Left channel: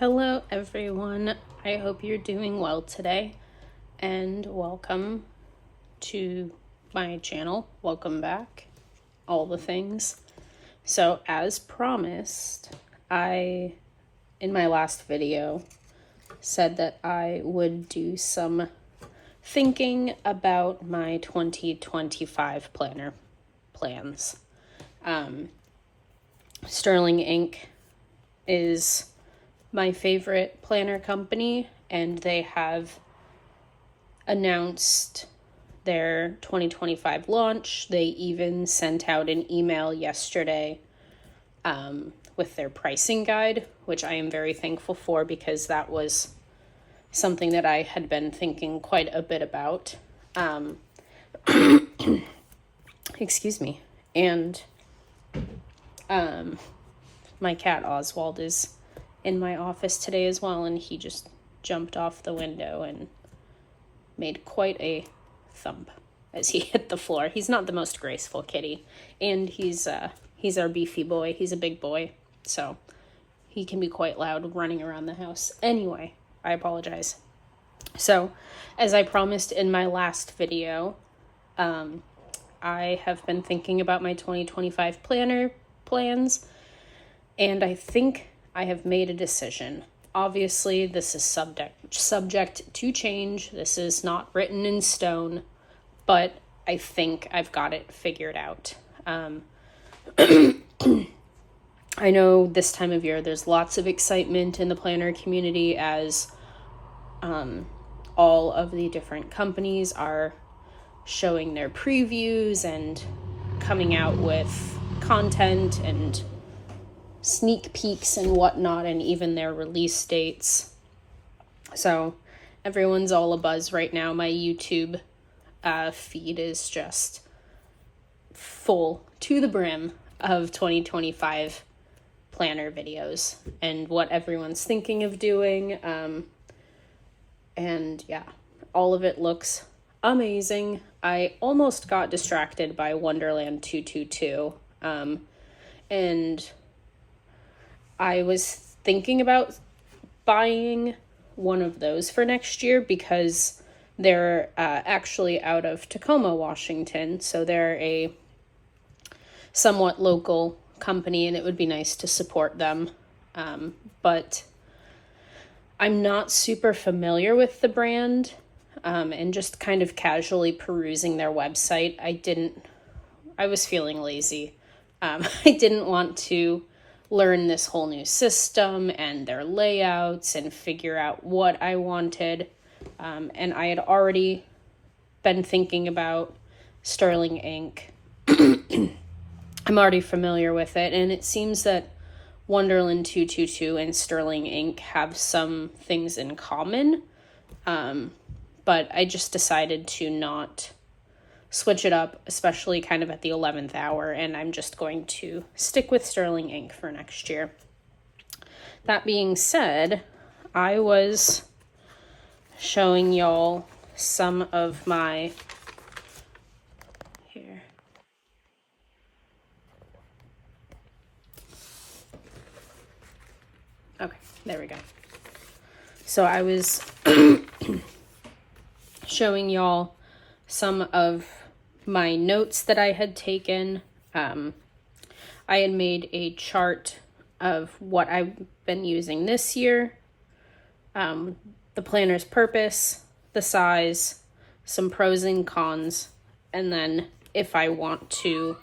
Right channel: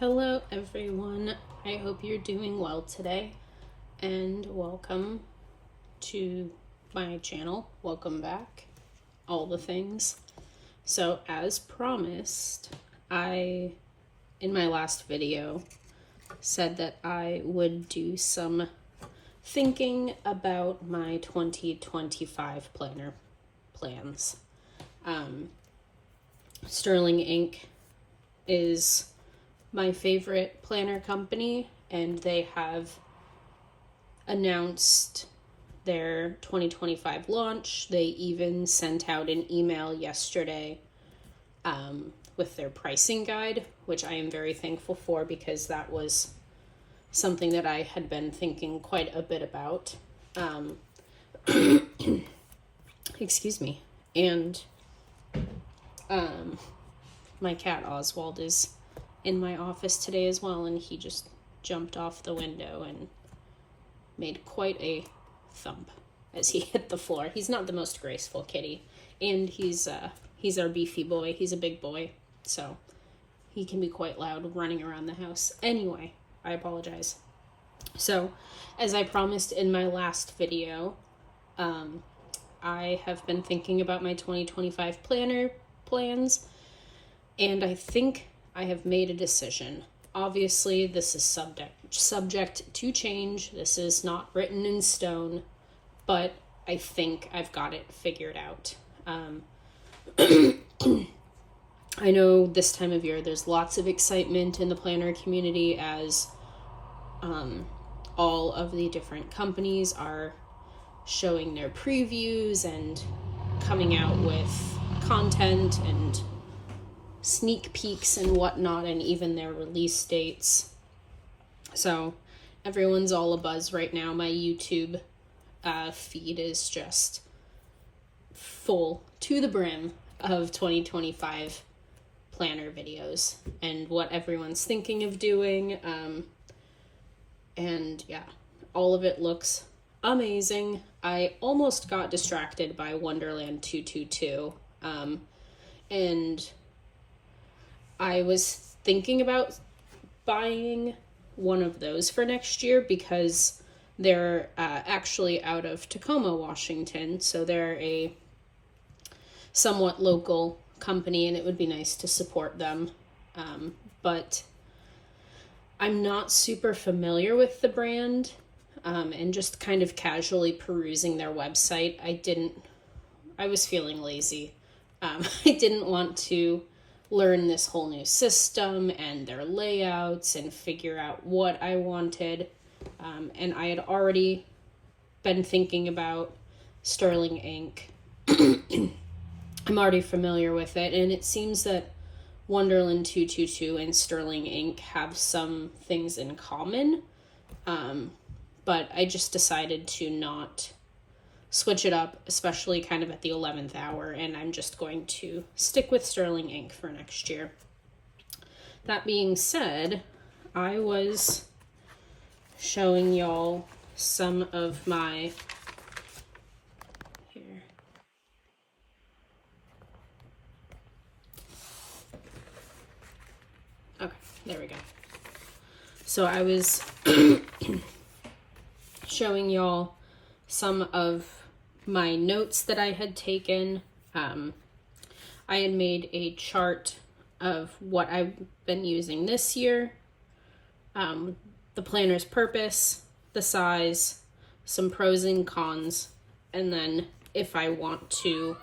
Hello everyone, I hope you're doing well today and welcome to my channel. Welcome back, all the things. So as promised, in my last video, said that I would do some thinking about my 2025 planner plans. Sterling Inc. is my favorite planner company, and they have announced their 2025 launch. They even sent out an email yesterday with their pricing guide, which I am very thankful for because that was something that I had been thinking quite a bit about. Excuse me. And my cat Oswald is in my office today as well, and he just jumped off the window and made quite a thump as he hit the floor. He's not the most graceful kitty, and he's our beefy boy. He's a big boy, so he can be quite loud running around the house. Anyway, I apologize. So, as I promised in my last video, I have been thinking about my 2025 planner plans, and I think I have made a decision. Obviously, this is subject to change. This is not written in stone, but I think I've got it figured out. I know this time of year there's lots of excitement in the planner community as all of the different companies are showing their previews and coming out with content and sneak peeks and whatnot, and even their release dates. So everyone's all abuzz right now. My YouTube feed is just full to the brim of 2025 planner videos and what everyone's thinking of doing. And yeah, all of it looks amazing. I almost got distracted by Wonderland 222, and I was thinking about buying one of those for next year because they're actually out of Tacoma, Washington. So they're a somewhat local company, and it would be nice to support them. But I'm not super familiar with the brand, and just kind of casually perusing their website, I was feeling lazy. I didn't want to learn this whole new system and their layouts and figure out what I wanted. And I had already been thinking about Sterling Inc. I'm already familiar with it, and it seems that Wonderland 222 and Sterling Inc. have some things in common. But I just decided to not switch it up, especially kind of at the 11th hour, and I'm just going to stick with Sterling Inc. for next year. That being said, I was showing y'all some of my here. Okay, there we go. So I was showing y'all some of my notes that I had taken. I had made a chart of what I've been using this year, the planner's purpose, the size, some pros and cons, and then if I want to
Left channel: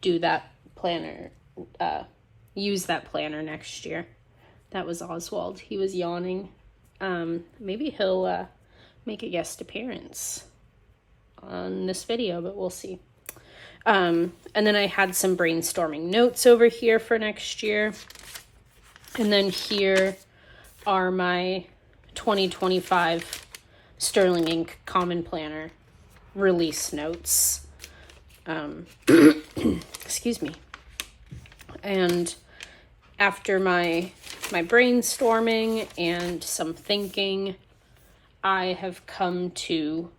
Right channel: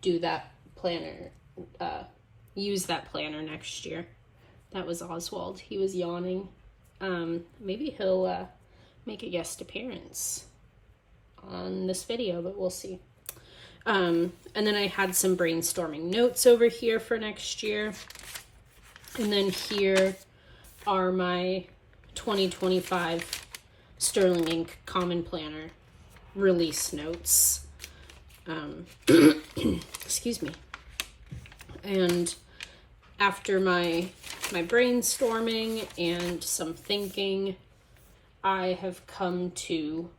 do that planner, use that planner next year. That was Oswald. He was yawning. Maybe he'll make a guest appearance on this video, but we'll see. And then I had some brainstorming notes over here for next year. And then here are my 2025 Sterling Inc. Common Planner release notes. Excuse me. And after my brainstorming and some thinking, I have come to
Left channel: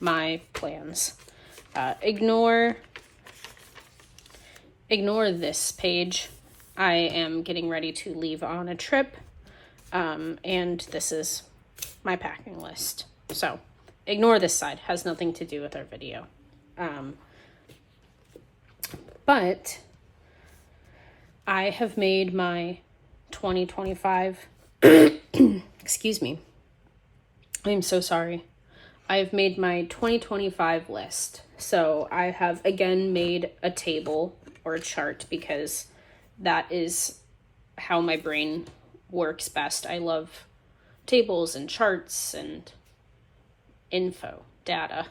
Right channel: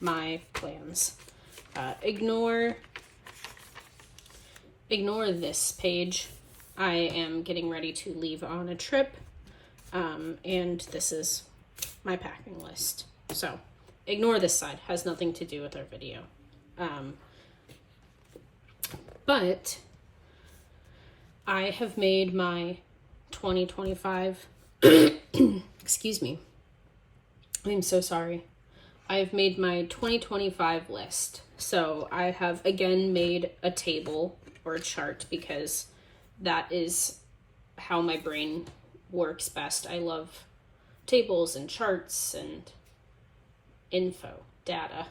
my plans. Ignore this page. I am getting ready to leave on a trip And this is my packing list. So ignore this side, has nothing to do with our video. But I have made my 2025, excuse me, I'm so sorry. I've made my 2025 list. So I have again made a table or a chart because that is how my brain works best. I love tables and charts and info, data.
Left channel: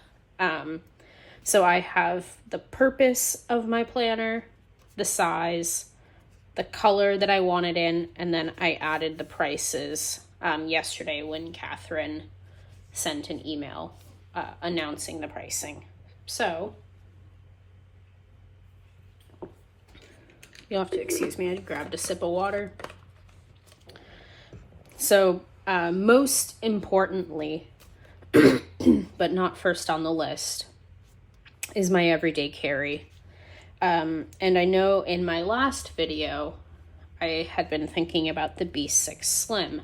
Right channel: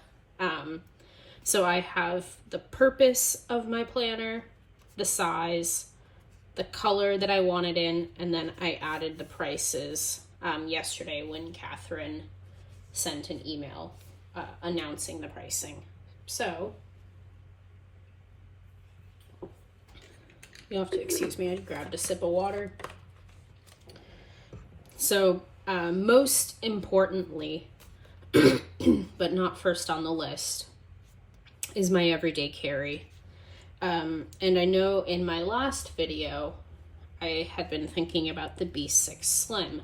So I have the purpose of my planner, the size, the color that I want it in, and then I added the prices yesterday when Catherine sent an email announcing the pricing. So you'll have to excuse me, I grabbed a sip of water. So most importantly, but not first on the list, is my everyday carry. And I know in my last video, I had been thinking about the B6 Slim.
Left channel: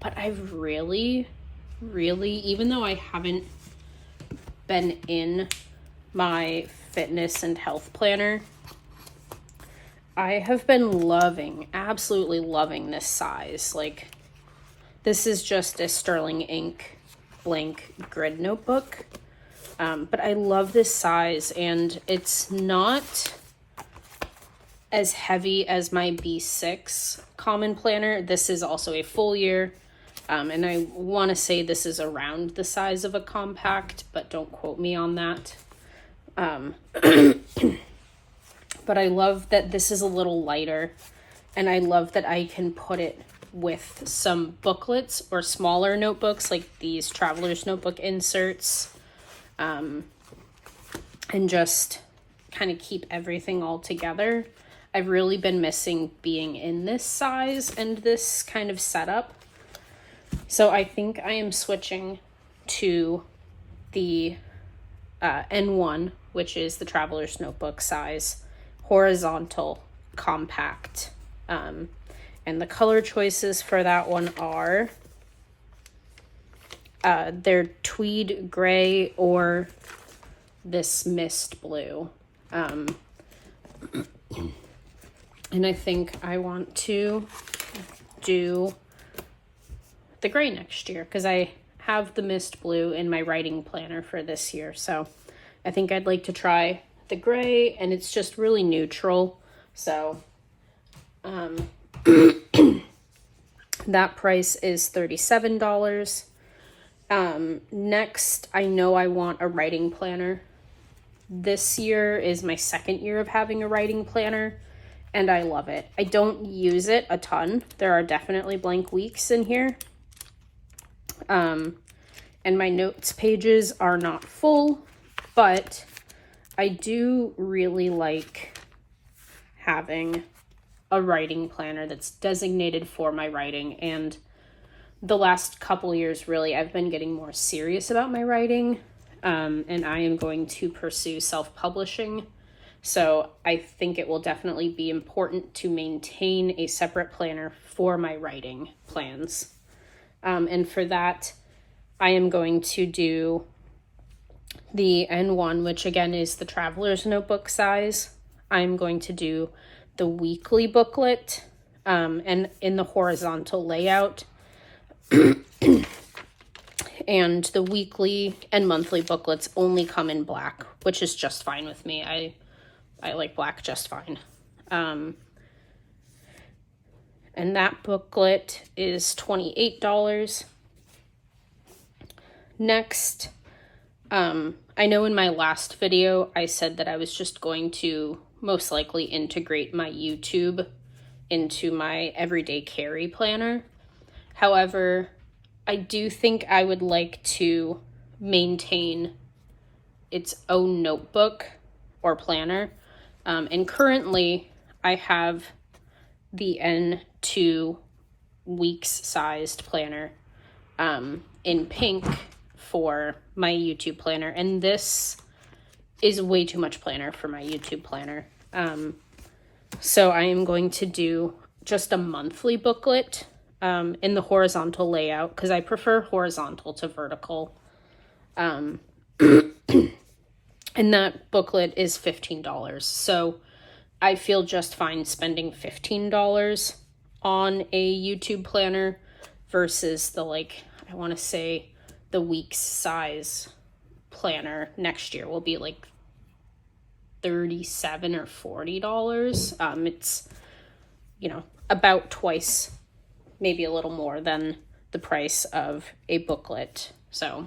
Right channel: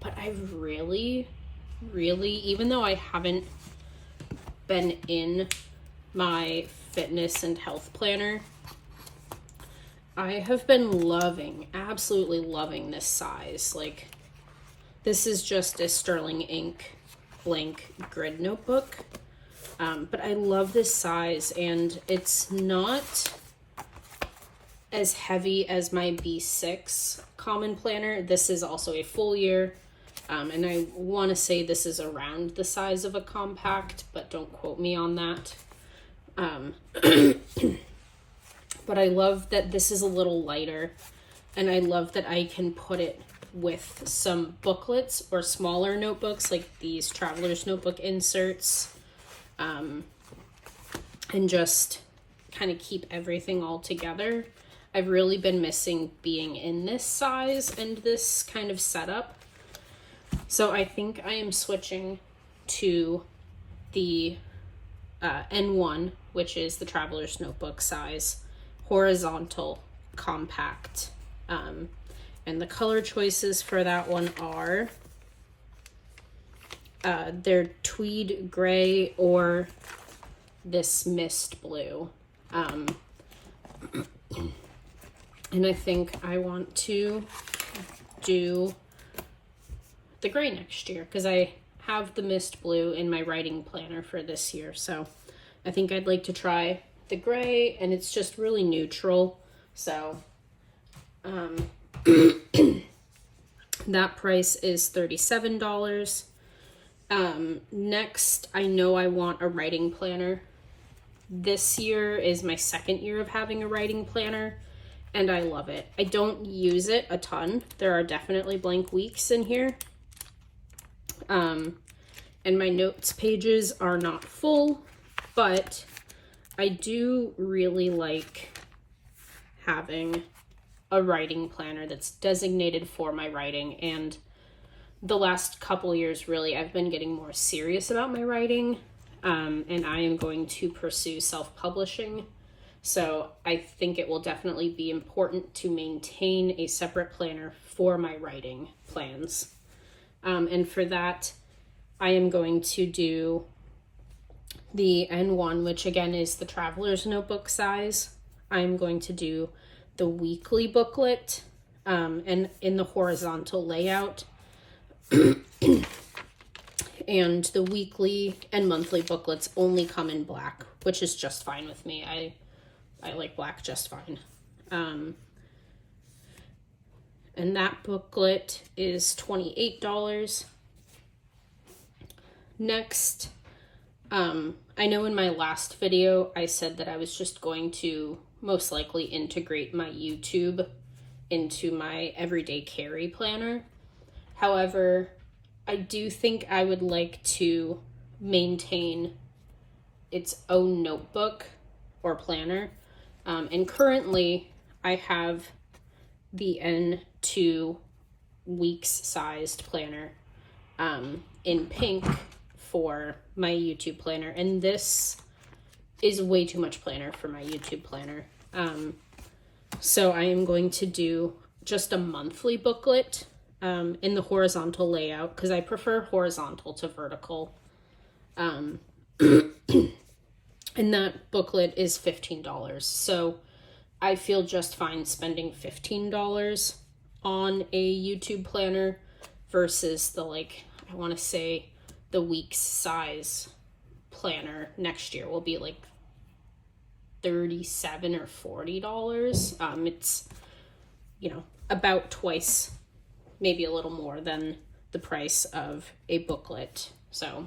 But I've really, even though I haven't been in my fitness and health planner, I have been absolutely loving this size. Like, this is just a Sterling Ink blank grid notebook. But I love this size, and it's not as heavy as my B6 common planner. This is also a full year. And I want to say this is around the size of a compact, but don't quote me on that. But I love that this is a little lighter, and I love that I can put it with some booklets or smaller notebooks like these Traveler's Notebook inserts, and just kind of keep everything all together. I've really been missing being in this size and this kind of setup. So I think I am switching to the N1, which is the Traveler's Notebook size, horizontal, compact. And the color choices for that one are they're tweed gray or this mist blue. And I think I want to do the gray next year because I have the mist blue in my writing planner for this year. So I think I'd like to try the gray, and it's just really neutral. So that price is $37. Next, I know I want a writing planner. This year is my second year of having a writing planner, and I love it. I don't use it a ton. There are definitely blank weeks in here. And my notes pages are not full, but I do really like having a writing planner that's designated for my writing. And the last couple years, really, I've been getting more serious about my writing, and I am going to pursue self-publishing. So I think it will definitely be important to maintain a separate planner for my writing plans. And for that, I am going to do the N1, which again is the Traveler's Notebook size. I'm going to do the weekly booklet, and in the horizontal layout. And the weekly and monthly booklets only come in black, which is just fine with me. I like black just fine. And that booklet is $28. Next, I know in my last video I said that I was just going to most likely integrate my YouTube into my everyday carry planner. However, I do think I would like to maintain its own notebook or planner. And currently I have the N2 weeks sized planner in pink for my YouTube planner, and this is way too much planner for my YouTube planner. So I am going to do just a monthly booklet in the horizontal layout, because I prefer horizontal to vertical. And that booklet is $15. So I feel just fine spending $15 on a YouTube planner versus the, like, I want to say the week's size planner next year will be like $37 or $40. It's, you know, about twice, maybe a little more than the price of a booklet. So,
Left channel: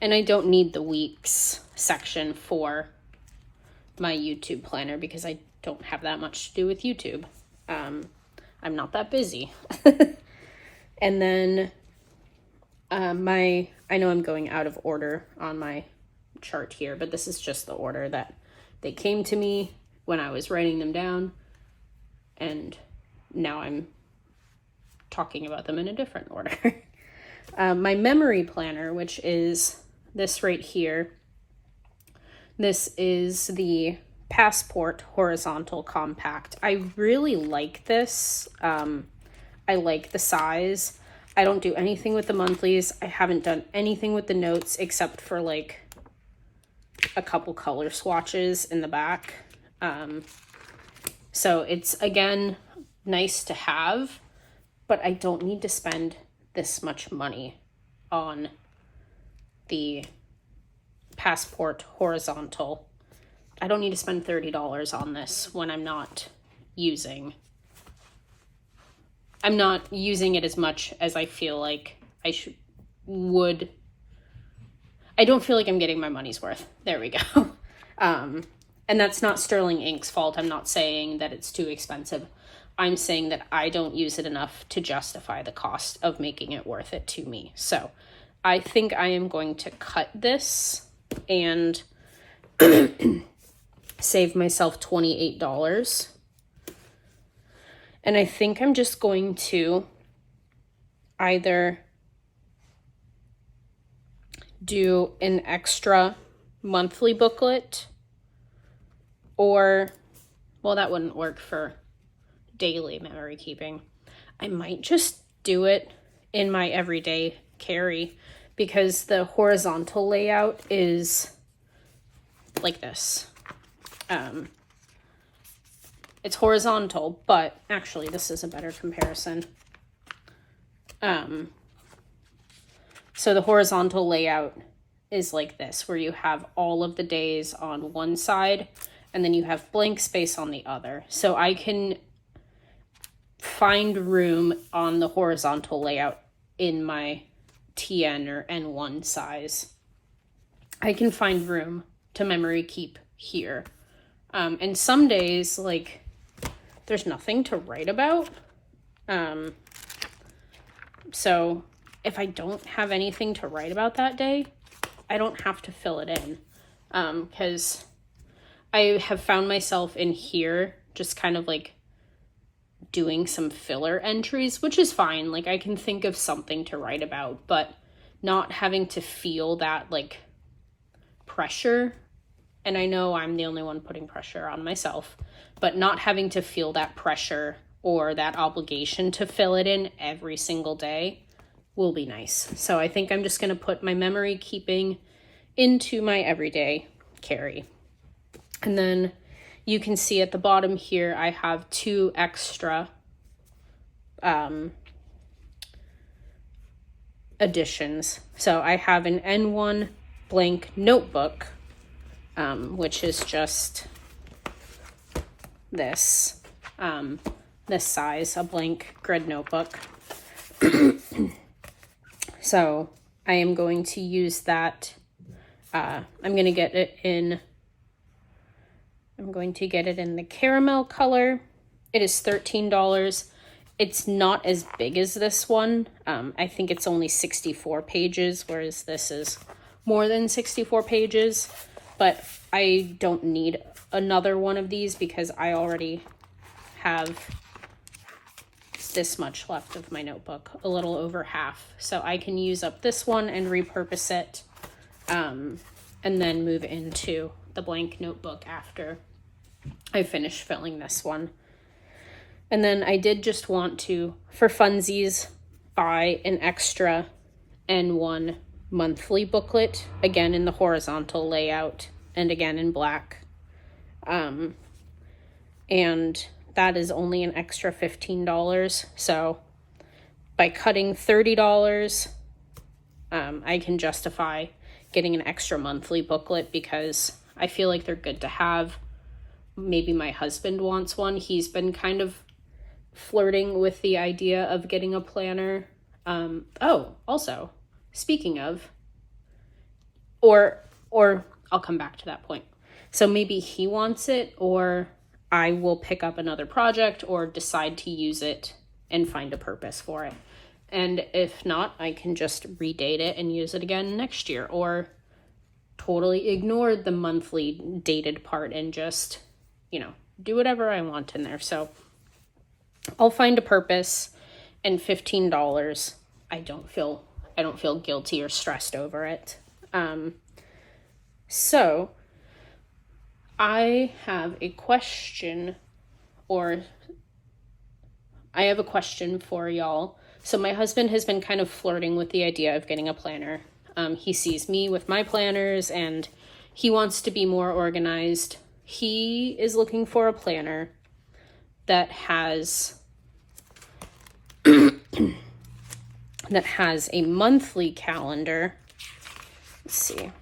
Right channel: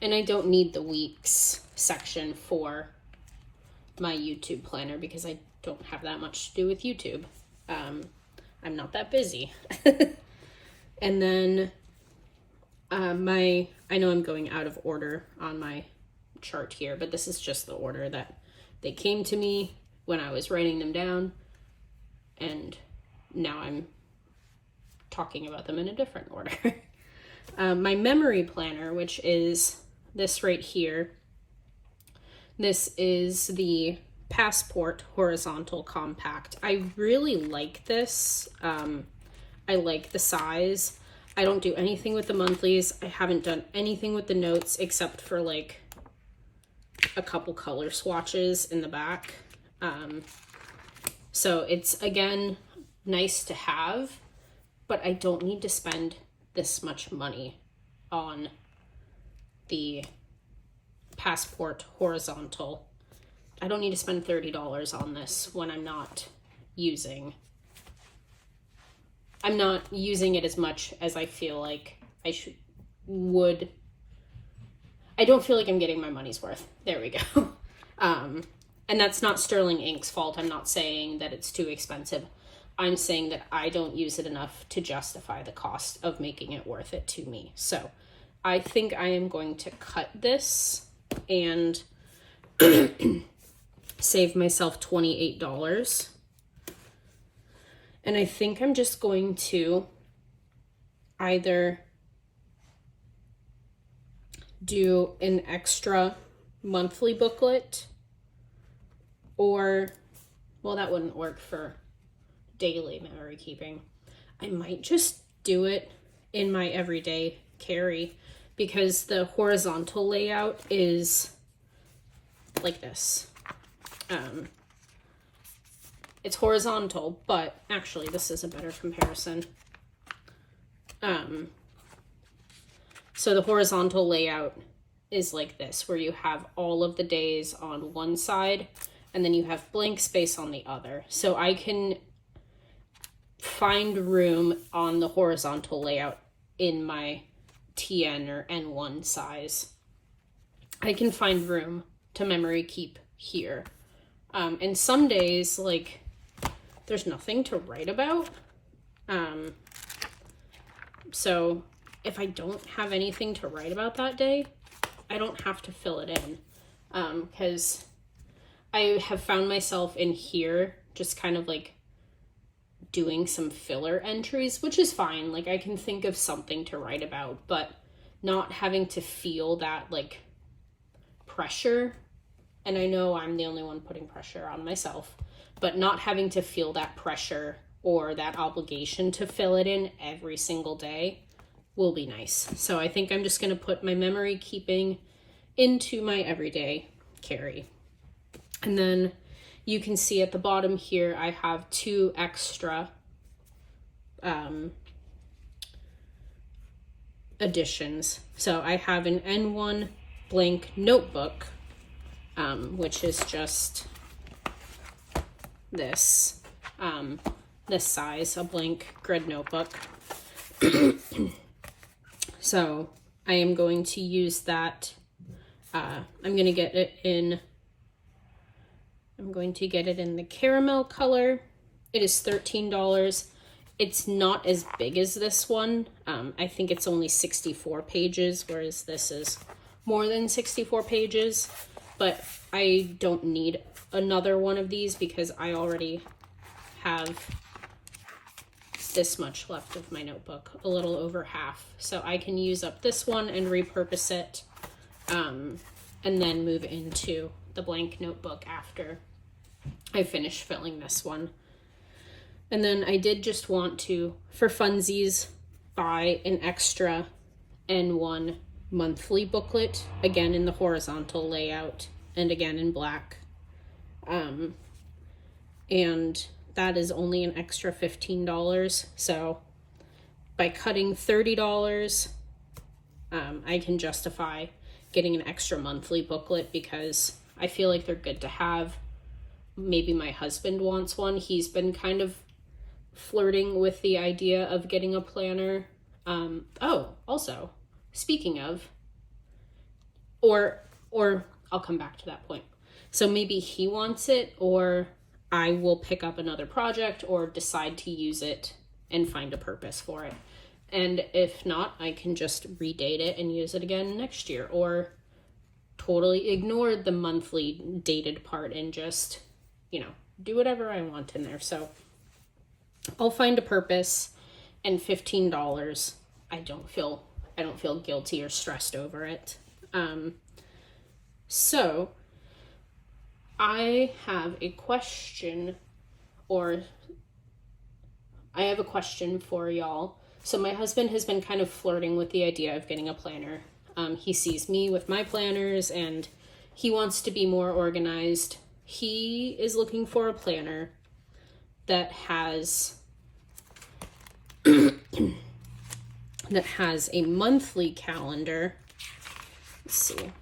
and I don't need the weeks section for my YouTube planner because I don't have that much to do with YouTube. I'm not that busy. And then I know I'm going out of order on my chart here, but this is just the order that they came to me when I was writing them down, and now I'm talking about them in a different order. My memory planner, which is this right here, this is the Passport Horizontal Compact. I really like this. I like the size. I don't do anything with the monthlies. I haven't done anything with the notes except for like a couple color swatches in the back. So it's, again, nice to have, but I don't need to spend this much money on the Passport Horizontal. I don't need to spend $30 on this when I'm not using it as much as I feel like I would. I don't feel like I'm getting my money's worth. There we go. And that's not Sterling Ink's fault. I'm not saying that it's too expensive. I'm saying that I don't use it enough to justify the cost of making it worth it to me. So I think I am going to cut this and save myself $28. And I think I'm just going to either do an extra monthly booklet, or, well, that wouldn't work for daily memory keeping. I might just do it in my everyday carry, because the horizontal layout is like this. It's horizontal, but actually this is a better comparison. So the horizontal layout is like this, where you have all of the days on one side and then you have blank space on the other. So I can find room on the horizontal layout in my TN or N1 size. I can find room to memory keep here. And some days, like, there's nothing to write about. So if I don't have anything to write about that day, I don't have to fill it in. Because I have found myself in here just kind of like doing some filler entries, which is fine. Like, I can think of something to write about, but not having to feel that like pressure. And I know I'm the only one putting pressure on myself, but not having to feel that pressure or that obligation to fill it in every single day will be nice. So I think I'm just going to put my memory keeping into my everyday carry. And then you can see at the bottom here, I have 2 extra additions. So I have an N1 blank notebook, which is just this, this size, a blank grid notebook. So I am going to use that. I'm going to get it in the caramel color. It is $13. It's not as big as this one. I think it's only 64 pages, whereas this is more than 64 pages. But I don't need another one of these because I already have this much left of my notebook, a little over half. So I can use up this one and repurpose it, and then move into the blank notebook after I finish filling this one. And then I did just want to, for funsies, buy an extra N1 monthly booklet, again in the horizontal layout and again in black. And that is only an extra $15. So by cutting $30, I can justify getting an extra monthly booklet because I feel like they're good to have. Maybe my husband wants one. He's been kind of flirting with the idea of getting a planner. Also, speaking of, or I'll come back to that point. So maybe he wants it, or I will pick up another project or decide to use it and find a purpose for it. And if not, I can just redate it and use it again next year, or totally ignore the monthly dated part and just, do whatever I want in there. So I'll find a purpose, and $15, I don't feel guilty or stressed over it. So I have a question for y'all. So my husband has been kind of flirting with the idea of getting a planner. He sees me with my planners and he wants to be more organized. He is looking for a planner that has a monthly calendar. Let's see.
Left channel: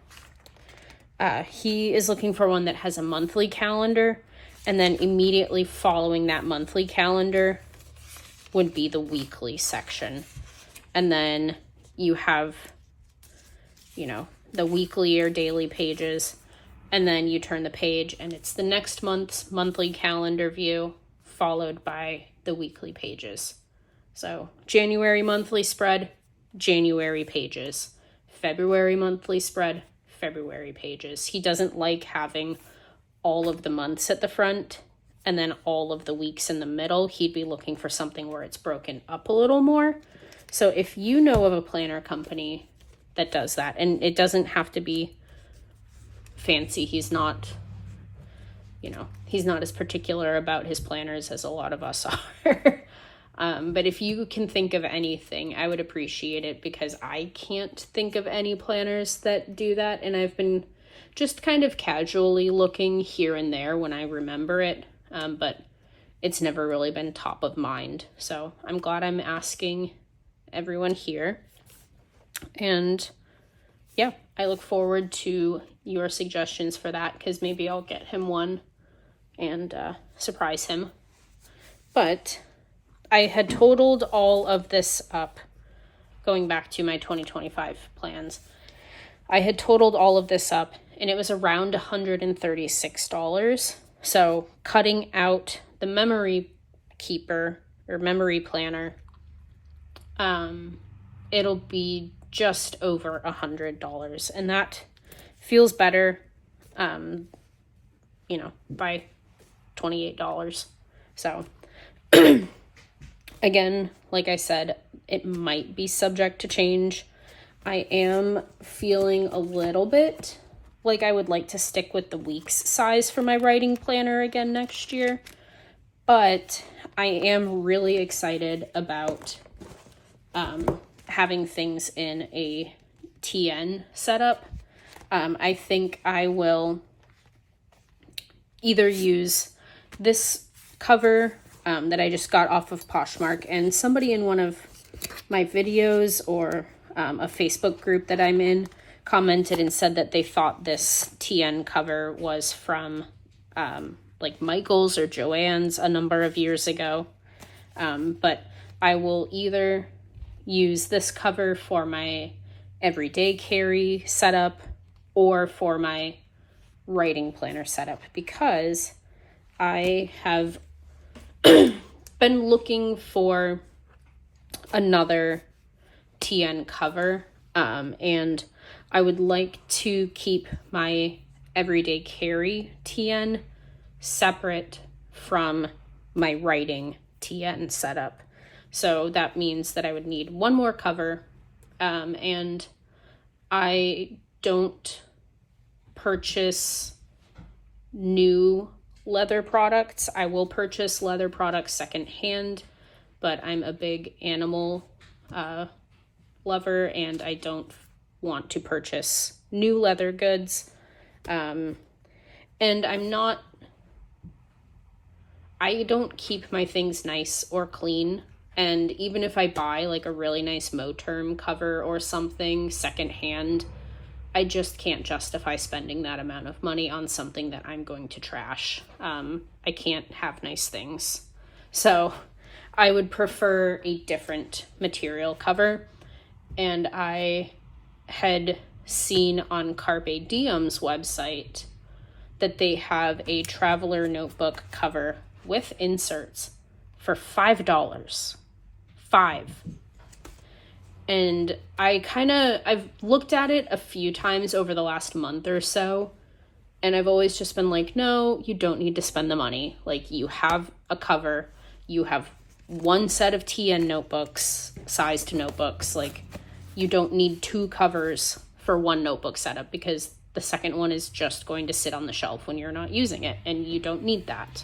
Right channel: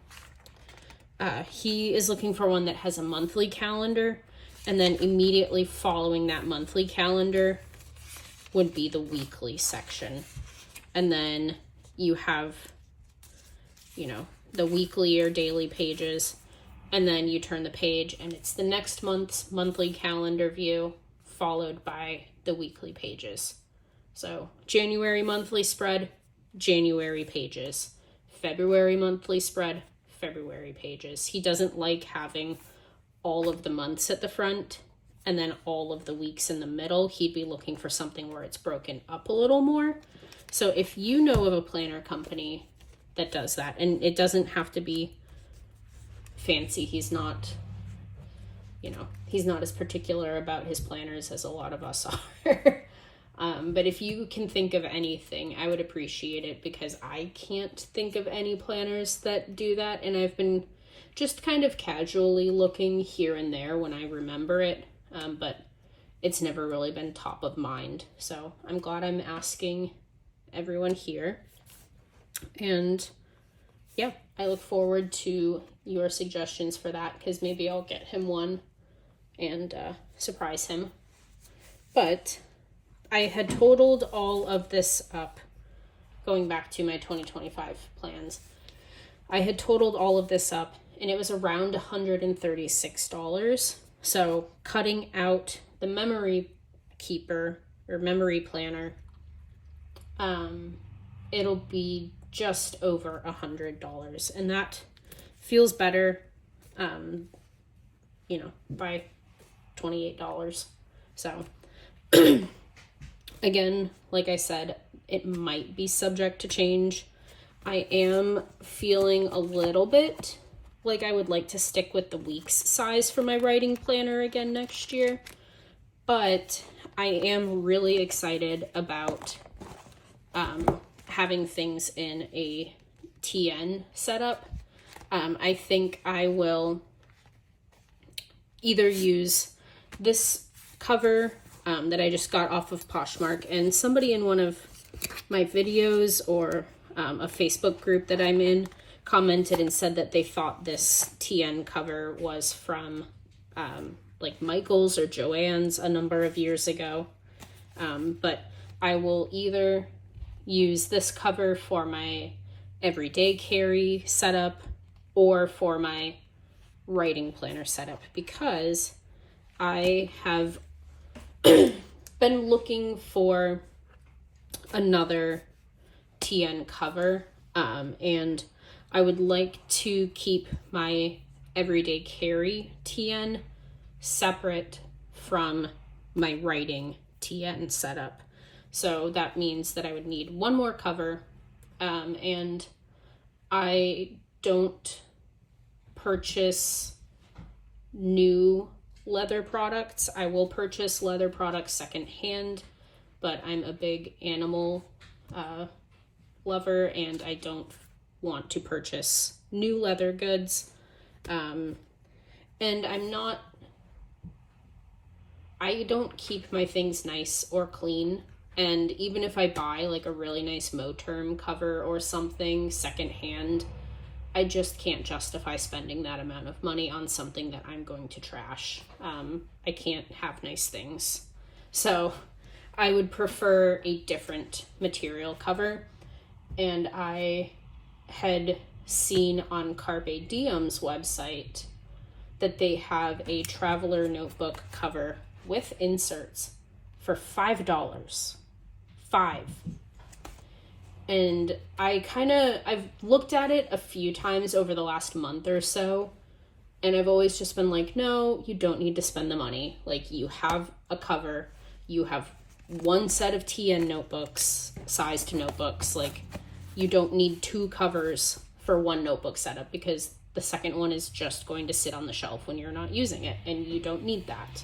He is looking for one that has a monthly calendar, and then immediately following that monthly calendar would be the weekly section. And then you have, the weekly or daily pages, and then you turn the page and it's the next month's monthly calendar view followed by the weekly pages. So January monthly spread, January pages. February monthly spread, February pages. He doesn't like having all of the months at the front and then all of the weeks in the middle. He'd be looking for something where it's broken up a little more. So if you know of a planner company that does that, and it doesn't have to be fancy, he's not as particular about his planners as a lot of us are. But if you can think of anything, I would appreciate it, because I can't think of any planners that do that. And I've been just kind of casually looking here and there when I remember it. But it's never really been top of mind. So I'm glad I'm asking everyone here. And yeah, I look forward to your suggestions for that, because maybe I'll get him one and surprise him. But I had totaled all of this up, going back to my 2025 plans. I had totaled all of this up, and it was around $136. So cutting out the memory keeper or memory planner, it'll be just over $100, and that feels better, by $28. So again, like I said, it might be subject to change. I am feeling a little bit like I would like to stick with the week's size for my writing planner again next year, but I am really excited about having things in a TN setup. I think I will either use this cover that I just got off of Poshmark, and somebody in one of my videos or a Facebook group that I'm in commented and said that they thought this TN cover was from like Michael's or Joann's a number of years ago. But I will either use this cover for my everyday carry setup or for my writing planner setup, because I have been looking for another TN cover, and I would like to keep my everyday carry TN separate from my writing TN setup. So that means that I would need one more cover, and I don't purchase new leather products. I will purchase leather products secondhand, but I'm a big animal lover, and I don't want to purchase new leather goods. And I don't keep my things nice or clean. And even if I buy like a really nice Moterm cover or something secondhand, I just can't justify spending that amount of money on something that I'm going to trash. I can't have nice things. So I would prefer a different material cover. And I had seen on Carpe Diem's website that they have a traveler notebook cover with inserts for $5. $5. And I've looked at it a few times over the last month or so, and I've always just been like, no, you don't need to spend the money. Like, you have a cover, you have one set of TN notebooks, sized notebooks. Like, you don't need two covers for one notebook setup, because the second one is just going to sit on the shelf when you're not using it, and you don't need that.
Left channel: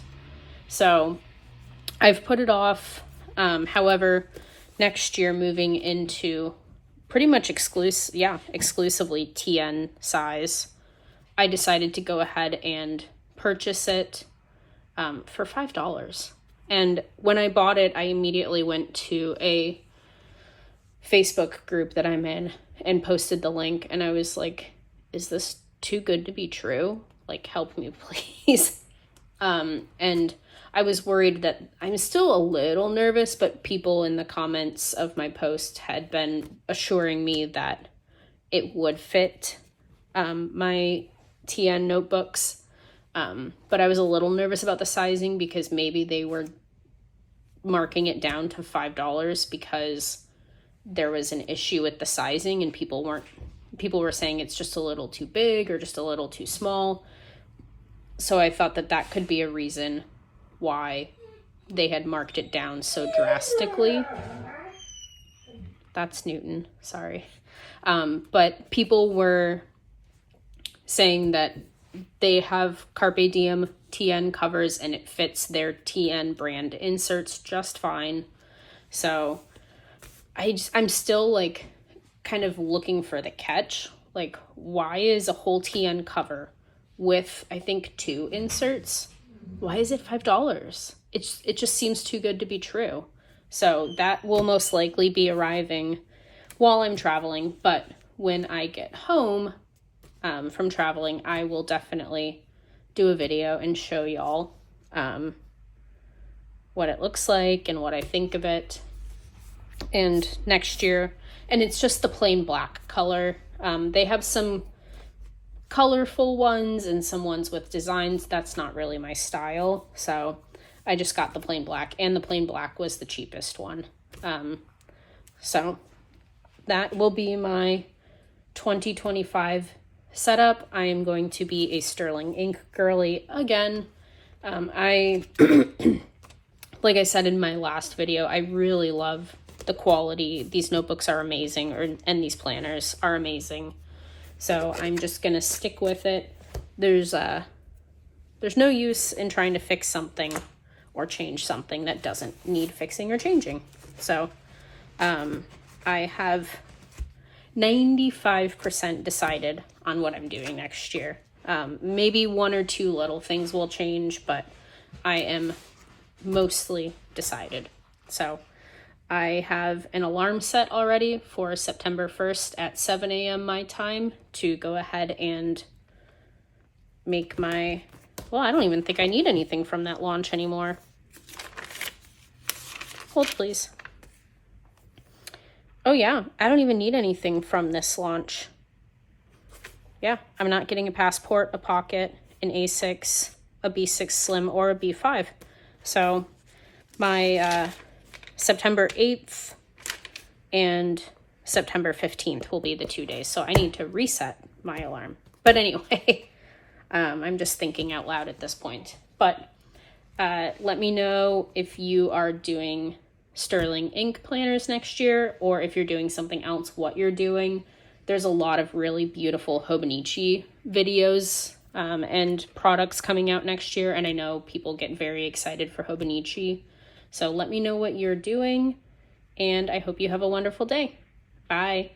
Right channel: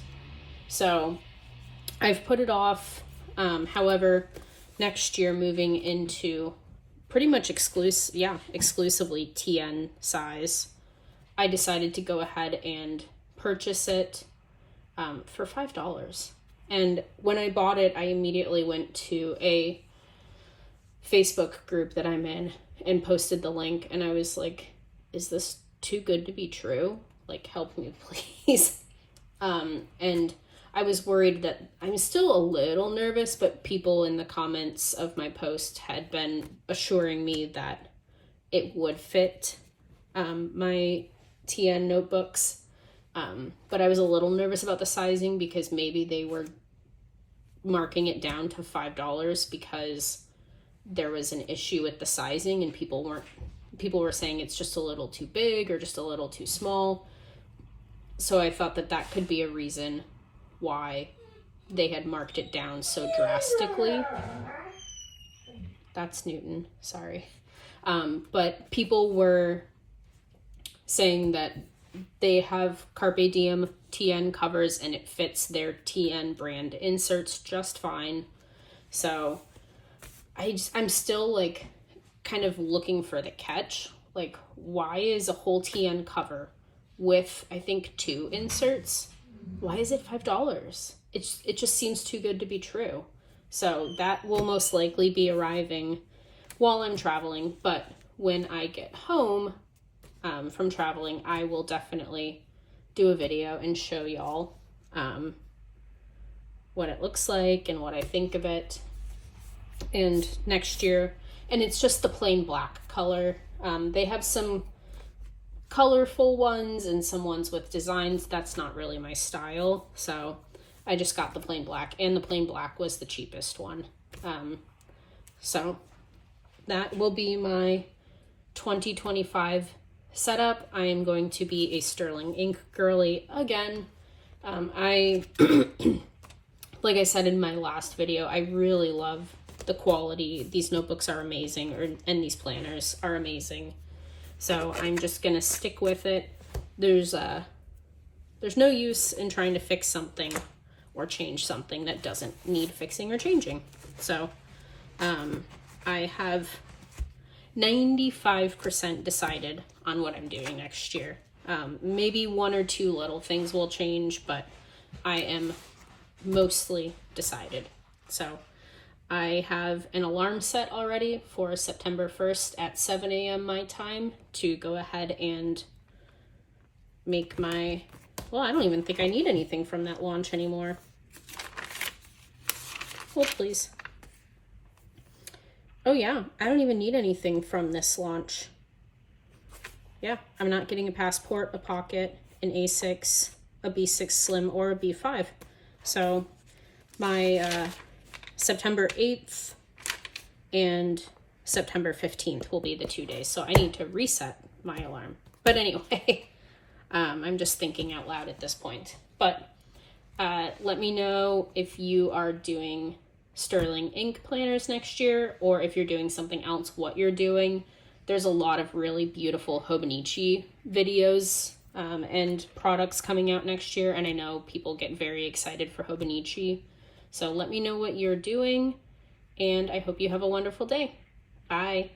So I've put it off. However, next year, moving into pretty much exclusively TN size, I decided to go ahead and purchase it for $5. And when I bought it, I immediately went to a Facebook group that I'm in and posted the link, and I was like, is this too good to be true? Like, help me, please. And I was worried that I'm still a little nervous, but people in the comments of my post had been assuring me that it would fit my TN notebooks. But I was a little nervous about the sizing, because maybe they were marking it down to $5 because there was an issue with the sizing, and people were saying it's just a little too big or just a little too small. So I thought that could be a reason why they had marked it down so drastically. That's Newton, sorry. But people were saying that they have Carpe Diem TN covers and it fits their TN brand inserts just fine. So I'm still like kind of looking for the catch. Like, why is a whole TN cover with, I think, 2 inserts, why is it $5? It just seems too good to be true. So that will most likely be arriving while I'm traveling, but when I get home from traveling, I will definitely do a video and show y'all what it looks like and what I think of it. And next year, and it's just the plain black color. They have some colorful ones and some ones with designs. That's not really my style, so I just got the plain black, and the plain black was the cheapest one. So that will be my 2025 setup. I am going to be a Sterling Ink girly again. I like I said in my last video, I really love the quality. These notebooks are amazing, and these planners are amazing. So I'm just gonna stick with it. There's no use in trying to fix something or change something that doesn't need fixing or changing. So I have 95% decided on what I'm doing next year. Maybe 1 or 2 little things will change, but I am mostly decided. So I have an alarm set already for September 1st at 7 a.m. my time to go ahead and make my, well, I don't even think I need anything from that launch anymore. Hold, please. Oh yeah, I don't even need anything from this launch. Yeah, I'm not getting a passport, a pocket, an A6, a B6 Slim, or a B5. So my September 8th and September 15th will be the 2 days. So I need to reset my alarm. But anyway, I'm just thinking out loud at this point. But let me know if you are doing Sterling Ink planners next year, or if you're doing something else, what you're doing. There's a lot of really beautiful Hobonichi videos and products coming out next year. And I know people get very excited for Hobonichi. So let me know what you're doing, and I hope you have a wonderful day. Bye.